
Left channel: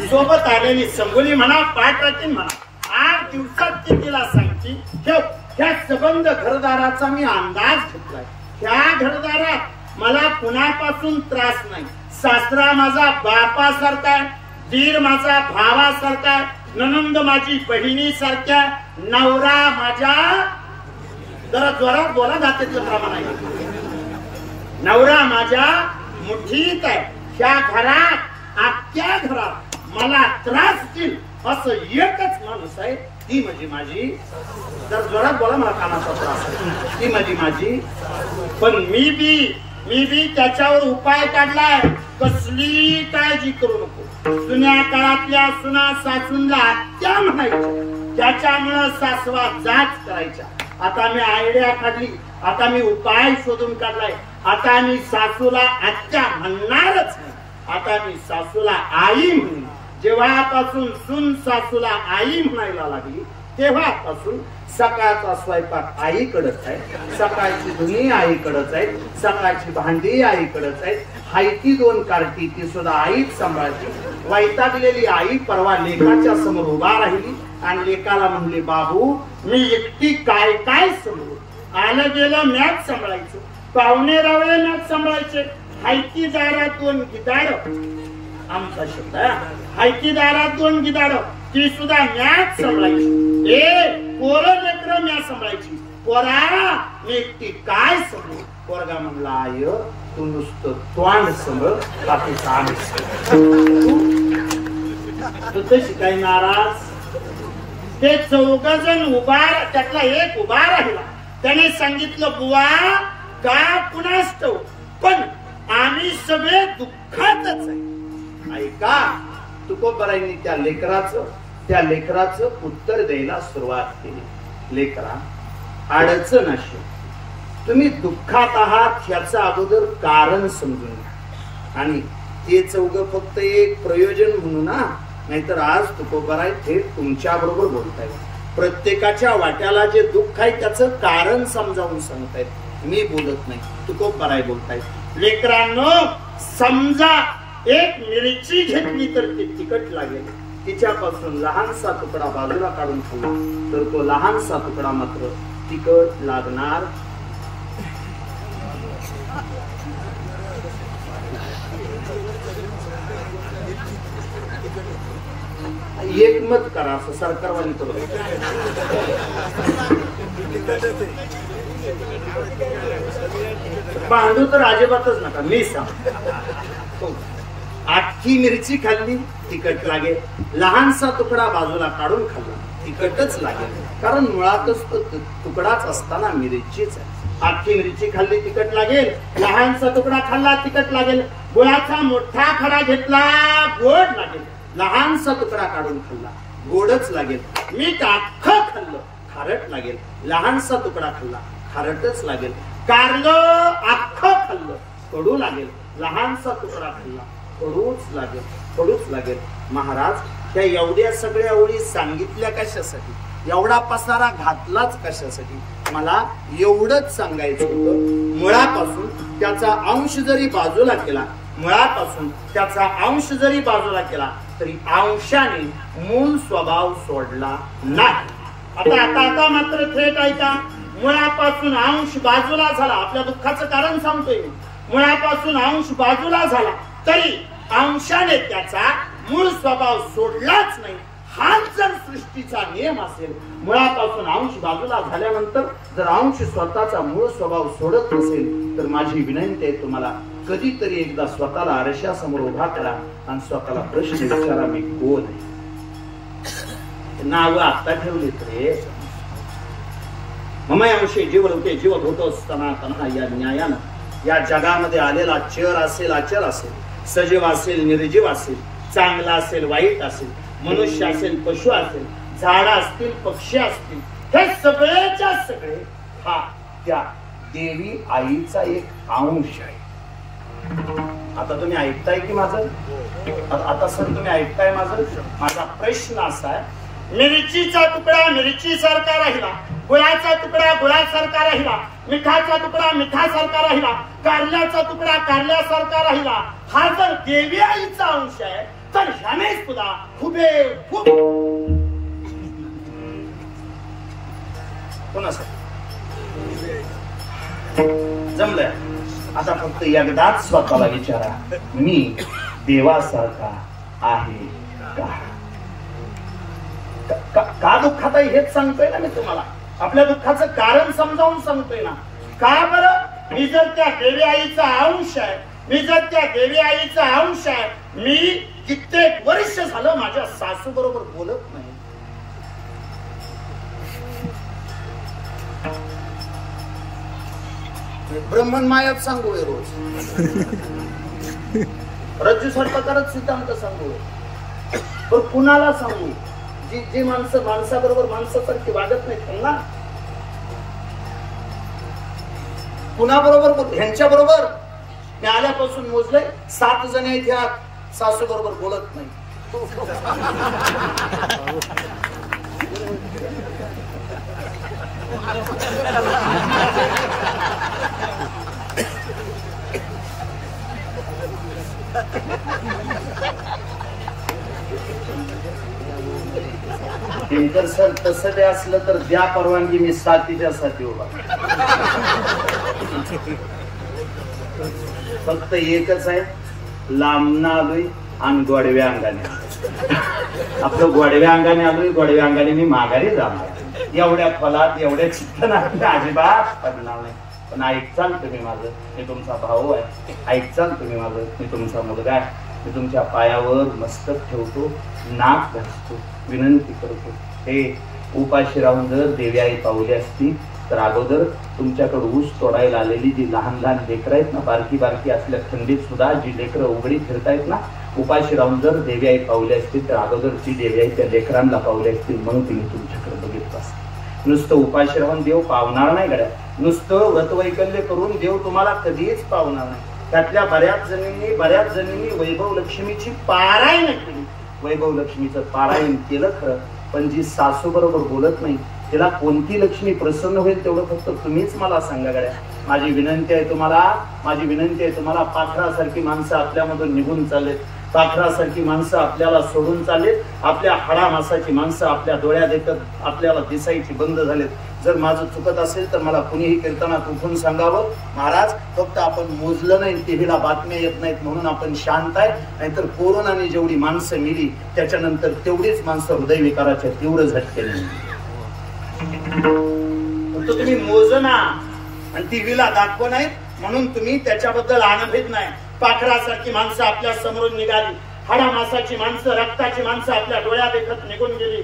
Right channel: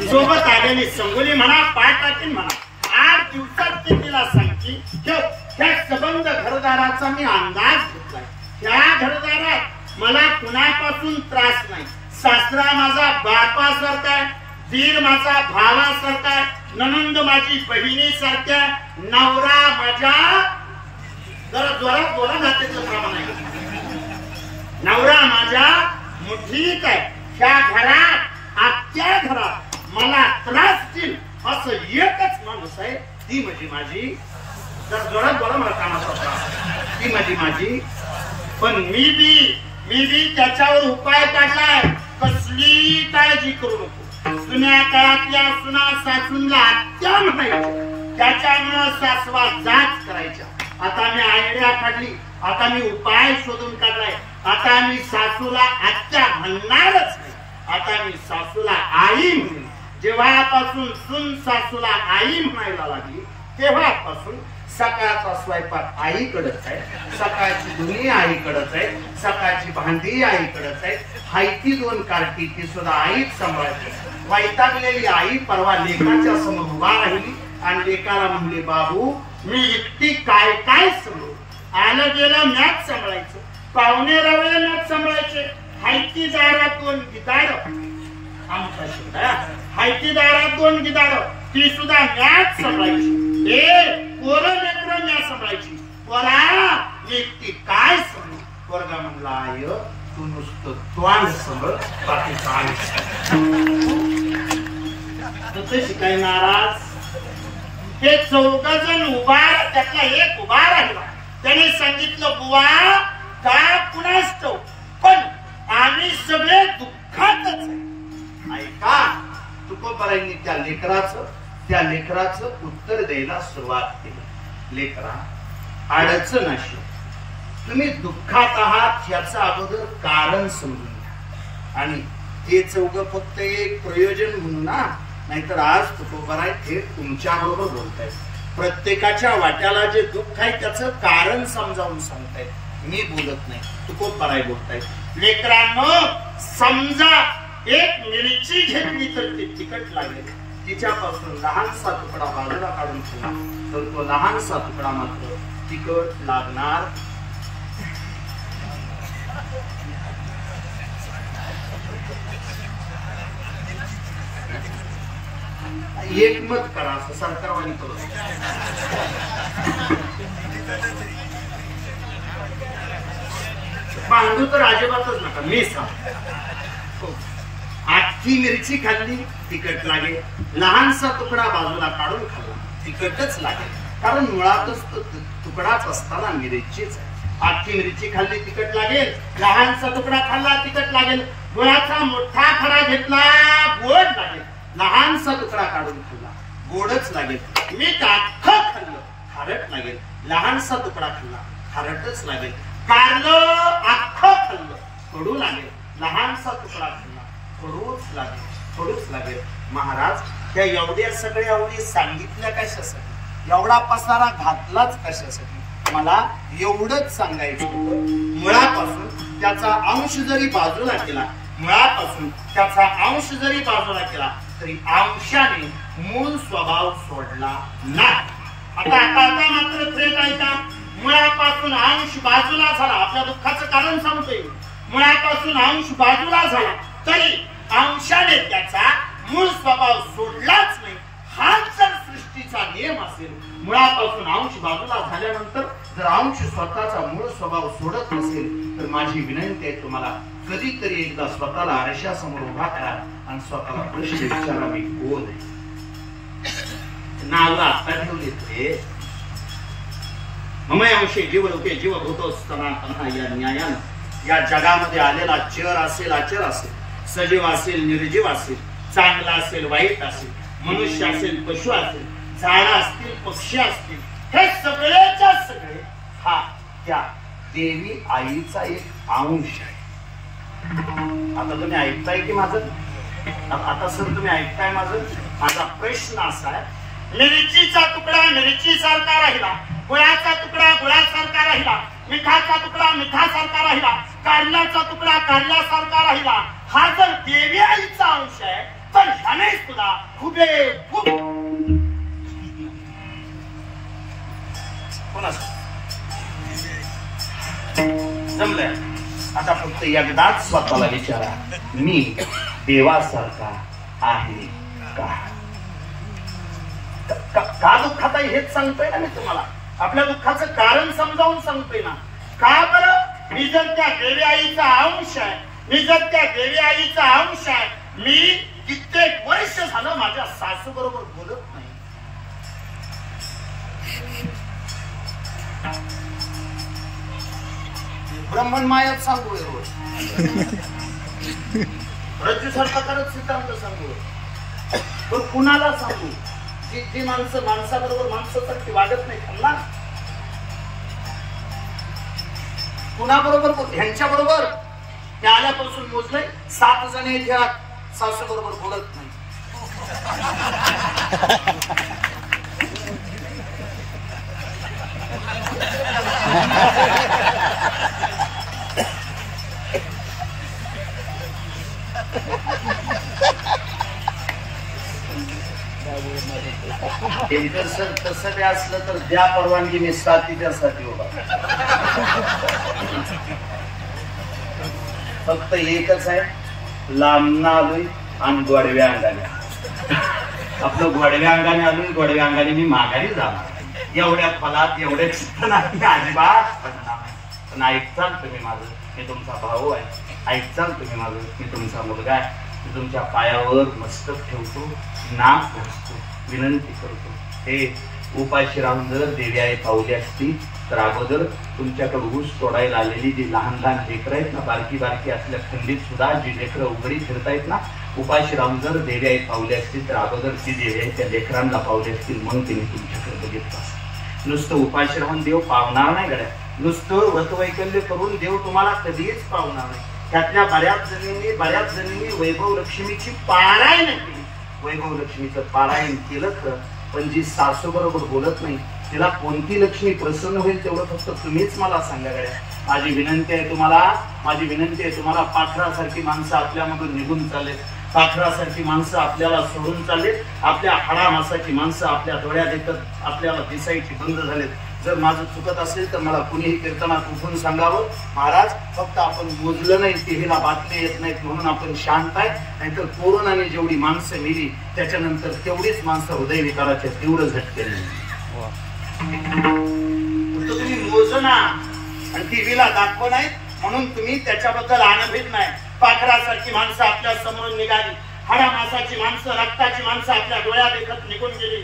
सोबत आलेली संगुली म्हणा, पाठ राखीन म्हणा. 8 दिवसात ती तिला सांगची त्या सबंध घरदाराचा मी अंदाज घेतलाय. त्या घरदारात मला कुणापासून त्रास नाही. सासरा माझा बापासारखा आहे, दीर माझा भावासारखा आहे, ननंद माझी बहिणीसारख्या, नवरा माझा जरा जोरात बोला जाते प्रमाण नवरा माझ्या मुठीत आहे. त्या घरात आत्या घरात मला त्रास देईल असं एकच माणूस आहे, ती म्हणजे माझी. जर जोरात बोला, मला कामाचा त्रास, ती म्हणजे माझी. पण मी बी त्याच्यावर उपाय काढलाय. कसली काळजी करू नको. जुन्या काळातल्या सुना सासूंना आत्या म्हणायच्या, त्याच्यामुळं सासवा जाच करायच्या. आता मी आयडिया काढली, आता मी उपाय शोधून काढलाय. आता मी सासूला आत्या म्हणणारच नाही, आता मी सासूला आई म्हणेन. जेव्हापासून सून सासूला आई म्हणायला लागली तेव्हापासून सकाळचा स्वयंपाक आईकडेच आहे, सकाळची धुनी आईकडेच आहे, सकाळची भांडी आईकडेच आहे. हायती 2 कार्टी ती सुद्धा आईच सांभाळते. वैतागलेली आई परवा लेकाच्या समोर उभा राहिली आणि लेकाला म्हणली, बाबू मी एकटी काय काय सांभाळू. आलं गेलं मॅच सांभाळायचं, पाहुणे रावळे मॅच सांभाळायचे. हायती दारात 2 गिदाड, आमचा शब्द हायती दारात 2 गिदाड, ती सुद्धा मॅच सांभाळायची. पोरं लेकरं मॅच सांभाळायची. पोरा मी एकटी काय सांभाळू. पोरगा म्हणला, आय तू नुसतं तोंड सांभाळ, बाकी काम तुझं शिकाय नाराज. ते 4 जण उभा, त्यातला एक उभा राहिला. त्याने सांगितलं, बुवा का कुणास ठाऊक, पण आम्ही सगळे दुःखातच आहे. ऐका, तुकोबारांनी त्या लेकराचं उत्तर द्यायला सुरुवात केली. लेकरा, अडचण अशी, तुम्ही दुःखात आहात याचं अगोदर कारण समजून घ्या. आणि ते 4 फक्त एक प्रयोजन म्हणू ना, नाहीतर आज तुकोबाराय थेट तुमच्या बरोबर बोलतायत. प्रत्येकाच्या वाट्याला जे दुःख आहे त्याचं कारण समजावून सांगतायत. मी बोलत नाही, तुकोबाराय बोलतायत. लेकरांनो, समजा एक मिरची घेतली तर ती तिखट लागेल, तिच्यापासून लहानसा तुकडा बाजूला काढून खाल्ला तर तो लहानसा तुकडा मात्र तिखट लागणार. एकमत करा असं सरकारवाली करू. भांडू तर अजिबातच नका. मी सांग, आखी मिरची खाल्ली तिखट लागेल, लहानसा तुकडा बाजूला काढून खाल्ला तिखटच लागेल, कारण मुळातच तो तुकडाच असताना मिरचीच. आखी मिरची खाल्ली तिखट लागेल, लहानसा तुकडा खाल्ला तिखट लागेल, गुळाचा मोठा खडा घेतला गोड लागेल, लहानसा तुकडा काढून खाल्ला गोडच लागेल. मीठ अख्खं खाल्लं खारट लागेल, लहानसा तुकडा खाल्ला खारटच लागेल. कारलं अख्खं खाल्लं कडू लागेल, लहानसा तुकडा खाल्ला कडूच लागेल. महाराज, त्या एवढ्या सगळ्या ओळी सांगितल्या कशासाठी, एवढा पसारा घातलाच कशासाठी? मला एवढंच सांगायचं होतं, मुळापासून त्याचा अंश जरी बाजूला केला, मुळापासून त्याचा अंश जरी बाजूला केला तरी अंशाने मूळ स्वभाव सोडला नाही. आता मात्र थेट ऐका. मुळापासून अंश बाजूला झाला, आपल्या दुःखाचं कारण सांगतोय. मुळापासून अंश बाजूला झाला तरी अंशाने त्याचा मूळ स्वभाव सोडलाच नाही. हाच जर सृष्टीचा नियम असेल, मुळापासून अंश बाजूला झाल्यानंतर जर अंश स्वतःचा मूळ स्वभाव सोडत नसेल तर माझी विनंती आहे तुम्हाला, कधीतरी एकदा स्वतःला आरशासमोर उभा करा आणि स्वतःला प्रश्न विचारा, मी कोण आहे? नाव आता ठेवले रे. ममय अंशे जीव लोके जीव भूतो सनातन या न्यायानं या जगामध्ये आलेला चर असेल अचर असेल, सजीव असेल निर्जीव असेल, चांगला असेल वाईट असेल, मनुष्य असेल पशु असेल, झाड असतील पक्षी असतील, हे सगळेच्या सगळे हा त्या देवी आईचा एक अंश आहे. आता तुम्ही ऐकताय की माझं? आता सर तुम्ही ऐकताय माझं? माझा प्रश्न असा आहे, मिरचीचा तुकडा मिरची सारखा राहिला, गुळाचा तुकडा गुळासारखा राहिला, मिठाचा तुकडा मिठासारखा राहिला, कारल्याचा तुकडा कारल्यासारखा राहिला. हा जर देवी आईचा अंश आहे तर ह्याने सुद्धा खूप कोणाचं जमलंय? आता फक्त एकदाच स्वतःला विचारा, मी देवासारखा आहे का दुःखात आहे हेच सांगतोय ना मी तुम्हाला. आपल्या दुःखाचं कारण समजावून सांगतोय ना. का बरं? मी जर त्या देवी आईचा अंश आहे, मी जर त्या देवी आईचा अंश आहे, मी कित्येक वर्ष झालं माझ्या सासू बरोबर बोलत नाही. ब्रह्मन मायात सांगू रोज, रज्जू सर्पकारच सिद्धांत सांगू, पण कुणाला सांगू? जी माणसं माणसाबरोबर माणसासारखी वागत नाही त्यांना कुणाबरोबर बोल? ह्यांच्या बरोबर ते आल्यापासून मोजले 7 जण आहेत, सासू बरोबर बोलत नाही. दिनकर सर, तसं ते असलं तर द्या परवानगी, मी साथीच्या साठी उभा. फक्त एकच आहे, लांबना आलोय आणि गोडव्या अंगाने. आपलं गोडव्या अंगाने आलोय, गोडव्या अंगाने मी माघारी जाणार. एवढ्या फलात एवढ्या चिंतनात अजिबात पडणार नाही. पण ऐकचाल तुम्ही माझं, मी तुमचा भाऊ आहे. ऐकचाल तुम्ही माझं, मी तुमचा मुलगा आहे. मी तुमच्या पायावर मस्तक ठेवतो, नाक घासतो, विनंती करतो. हे उपाशी राहून जर देवी आई पावली असती तर अगोदर तुमच्याकडे ऊस तोडायला आलेली जी लहान लहान लेकरं आहेत ना, बारकी बारकी असल्या थंडीत सुद्धा जी लेकरं उघडी फिरतायत ना, उपाशी राहून जर देवी आई पावली असतील तर अगोदर ती देवी आई त्या लेकरांना पावली असतील, मग तिने तुमच्याकडे बघितलं असतं. नुसतं उपाशी राहून देव पावणार नाही गड्या. नुसतं व्रतवैकल्य करून देव तुम्हाला कधीच पावणार नाही. त्यातल्या बऱ्याच जणींनी वैभव लक्ष्मीची पारायण केली, वैभव लक्ष्मीचं पारायण केलं खरं, पण जी सासू बरोबर बोलत नाही तिला कोणती लक्ष्मी प्रसन्न होईल तेवढं फक्त तुम्हीच मला सांगा गड्या. माझी विनंती आहे तुम्हाला पाखरासारखी माणसं आपल्यामधून निघून चाललेत, पाखरासारखी माणसं आपल्याला सोडून चाललेत, आपल्या हाडामासाची माणसं आपल्या डोळ्यात देखत आपल्याला दिसायची बंद झालेत. जर माझं चुकत असेल तर मला कुणीही कीर्तनात उठून सांगावं. महाराज, फक्त आपण मोजलं नाही, टीव्हीला बातम्या येत नाहीत म्हणून आपण शांत आहे, नाहीतर कोरोनाने जेवढी माणसं मेली त्याच्यानंतर तेवढीच माणसं हृदयविकाराच्या तीव्र झटकेने. फक्त तुम्ही मोजना आणि टीव्हीला दाखव नाही म्हणून तुम्ही त्याच्याबद्दल अनभिज्ञ नाही. पाखरासारखी माणसं आपल्या समोरून निघाली, हाडामासाची माणसं, रक्ताची माणसं आपल्या डोळ्यात एकत निघून गेली.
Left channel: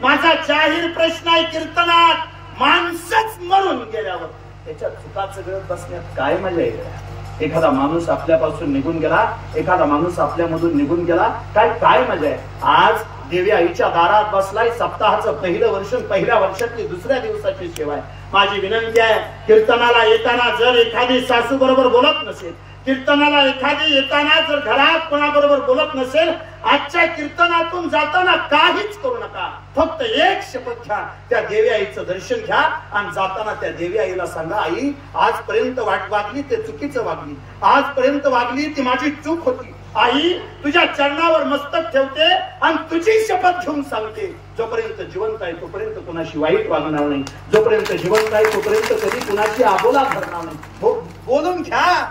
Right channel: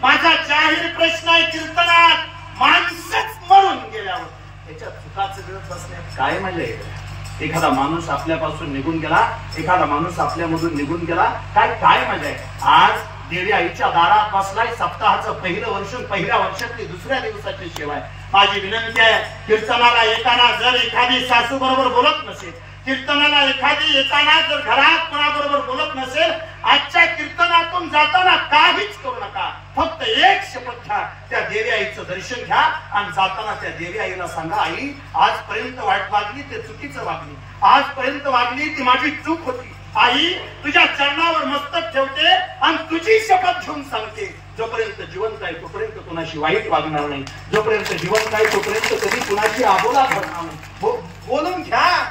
माझा जाहीर प्रश्न आहे, कीर्तनात माणसंच मरून गेल्यावर त्याच्या चुकाचं गरज बसण्यात काय मजा आहे? एखादा माणूस आपल्यापासून निघून गेला, एखादा माणूस आपल्यामधून निघून गेला, काय मजा आहे? आज देवी आईच्या दारात बसलाय, सप्ताहाचं पहिलं वर्ष, पहिल्या वर्षातली दुसऱ्या दिवसाची सेवा आहे. माझी विनंती आहे, कीर्तनाला येताना जर एखादी सासू बरोबर बोलत नसेल, कीर्तनाला एखादी येताना जर घरात कोणाबरोबर बोलत नसेल, आजच्या कीर्तनातून जाताना काहीच करू नका. फक्त एक शपथ घ्या, त्या देवी आईचं दर्शन घ्या आणि जाताना त्या देवी आईला सांगा, आई आजपर्यंत वागली ते चुकीचं वागली, आजपर्यंत वागली ती माझी चूक होती. आई तुझ्या चरणावर मस्तक ठेवते आणि तुझी शपथ घेऊन सांगते, जोपर्यंत जिवंत आहे तोपर्यंत कुणाशी वाईट वागणार नाही, जोपर्यंत जिवंत आहे तोपर्यंत कधी कुणाची आबोला भरणार नाही. बोलून घ्या.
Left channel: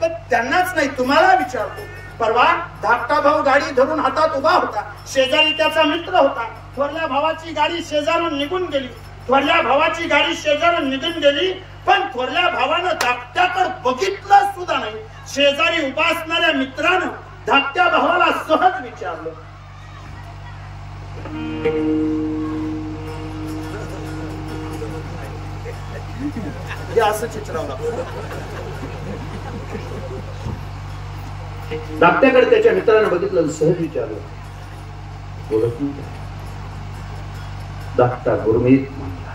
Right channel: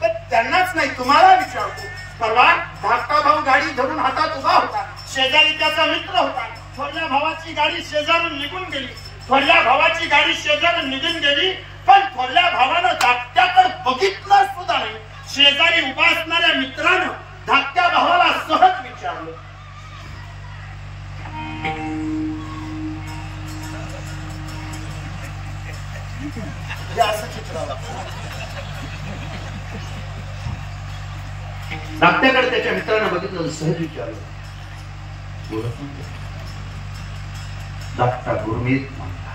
पण त्यांनाच नाही, तुम्हाला विचारतो. परवा धाकटा भाऊ गाडी धरून हातात उभा होता, शेजारी त्याचा मित्र होता. थोरल्या भावाची गाडी शेजारून निघून गेली, थोरल्या भावाची गाडी शेजारून निघून गेली, पण थोरल्या भावानं धाकट्याकडे बघितलं सुद्धा नाही. शेजारी उभा असणाऱ्या मित्रानं धाकट्या भावाला सहज विचारलं, हे असं चित्र धाकट्याकडे त्याच्या मित्रानं बघितलं, सहज विचारलं, बोलत नाही. धाकटा गुरमीत म्हणला,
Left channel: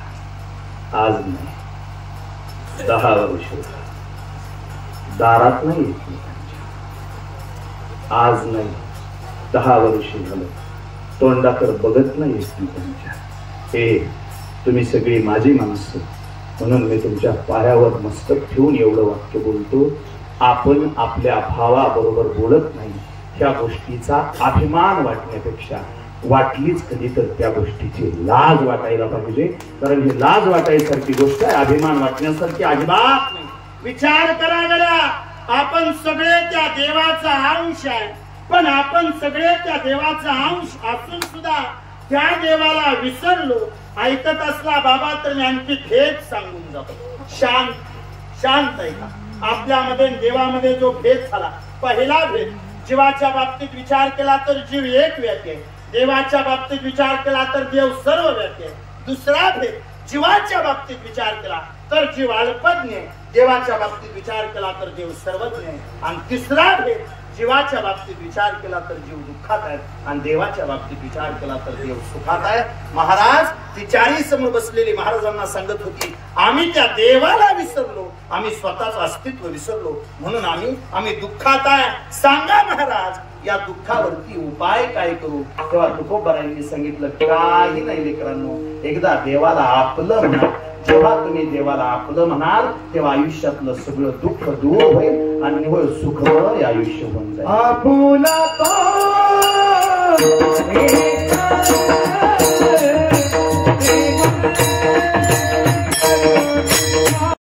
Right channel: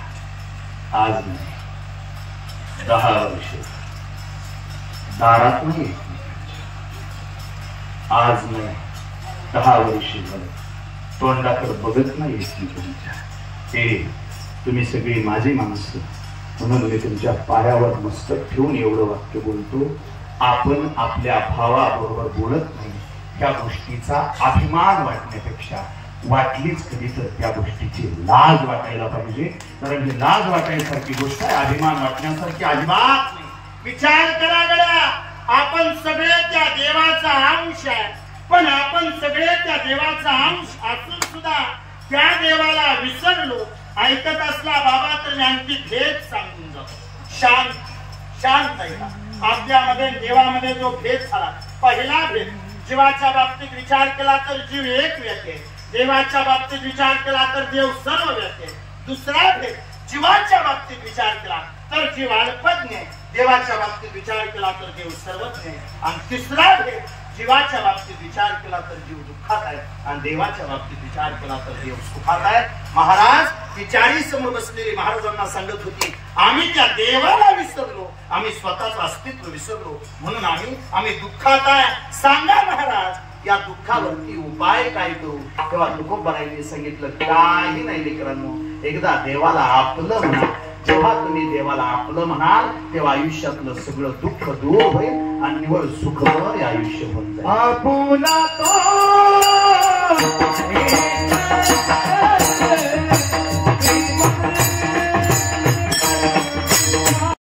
आज नाही 10 वर्ष दारात नाही एकमेकांच्या, आज नाही 10 वर्ष झालं तोंडाकडे बघत नाही एकमेकांच्या. तुम्ही सगळी माझी माणसं म्हणून मी तुमच्या पायावर मस्तक ठेवून एवढं वाक्य बोलतो. आपण आपल्या भावाबरोबर बोलत नाही, त्या गोष्टीचा अभिमान वाटण्यापेक्षा वाटलीच कधी तर त्या गोष्टीची लाज वाटायला पाहिजे. कारण ही लाज वाटायसारखी गोष्ट आहे, अभिमान वाटण्यासारखी अजिबात नाही. विचार करा गड्या, आपण सगळे त्या देवाचा अंश आहे, पण आपण सगळे त्या देवाचा अंश असून सुद्धा त्या देवाला विसरलो. ऐकत असला बाबा तर मी आणखी भेद सांगून जातो. शांत ऐका. आपल्यामध्ये देवामध्ये जो भेद झाला, पहिला भेद, जीवाच्या बाबतीत विचार केला तर जीव एक व्याख्या आहे, देवाच्या बाबतीत विचार केला तर देव सर्व व्याख्या आहे. दुसरा भेद, जीवाच्या बाबतीत विचार केला तर जीव अल्पज्ञ आहे, देवाच्या बाबतीत विचार केला तर देव सर्वज्ञ आहे. आणि तिसरा भेद, जीवाच्या बाबतीत विचार केला तर जीव दुःखात आहे आणि देवाच्या बाबतीत विचार केला तर देव सुखात आहे. महाराज ती 40 समोर बसलेली महाराजांना सांगत होती, आम्ही त्या देवाला विसरलो, आम्ही स्वतःच अस्तित्व विसरलो, म्हणून आम्ही दुःखात आहे. सांगा महाराज, या दुःखावरती उपाय काय करू? तेव्हा तुकोबारायांनी सांगितलं, काही नाही लेकरांनो, एकदा देवाला आपलं म्हणा. जेव्हा तुम्ही देवाला आपलं म्हणाल तेव्हा आयुष्यातलं सगळं दुःख दूर होईल आणि निव्वळ सुखमय आयुष्य होऊन जाईल.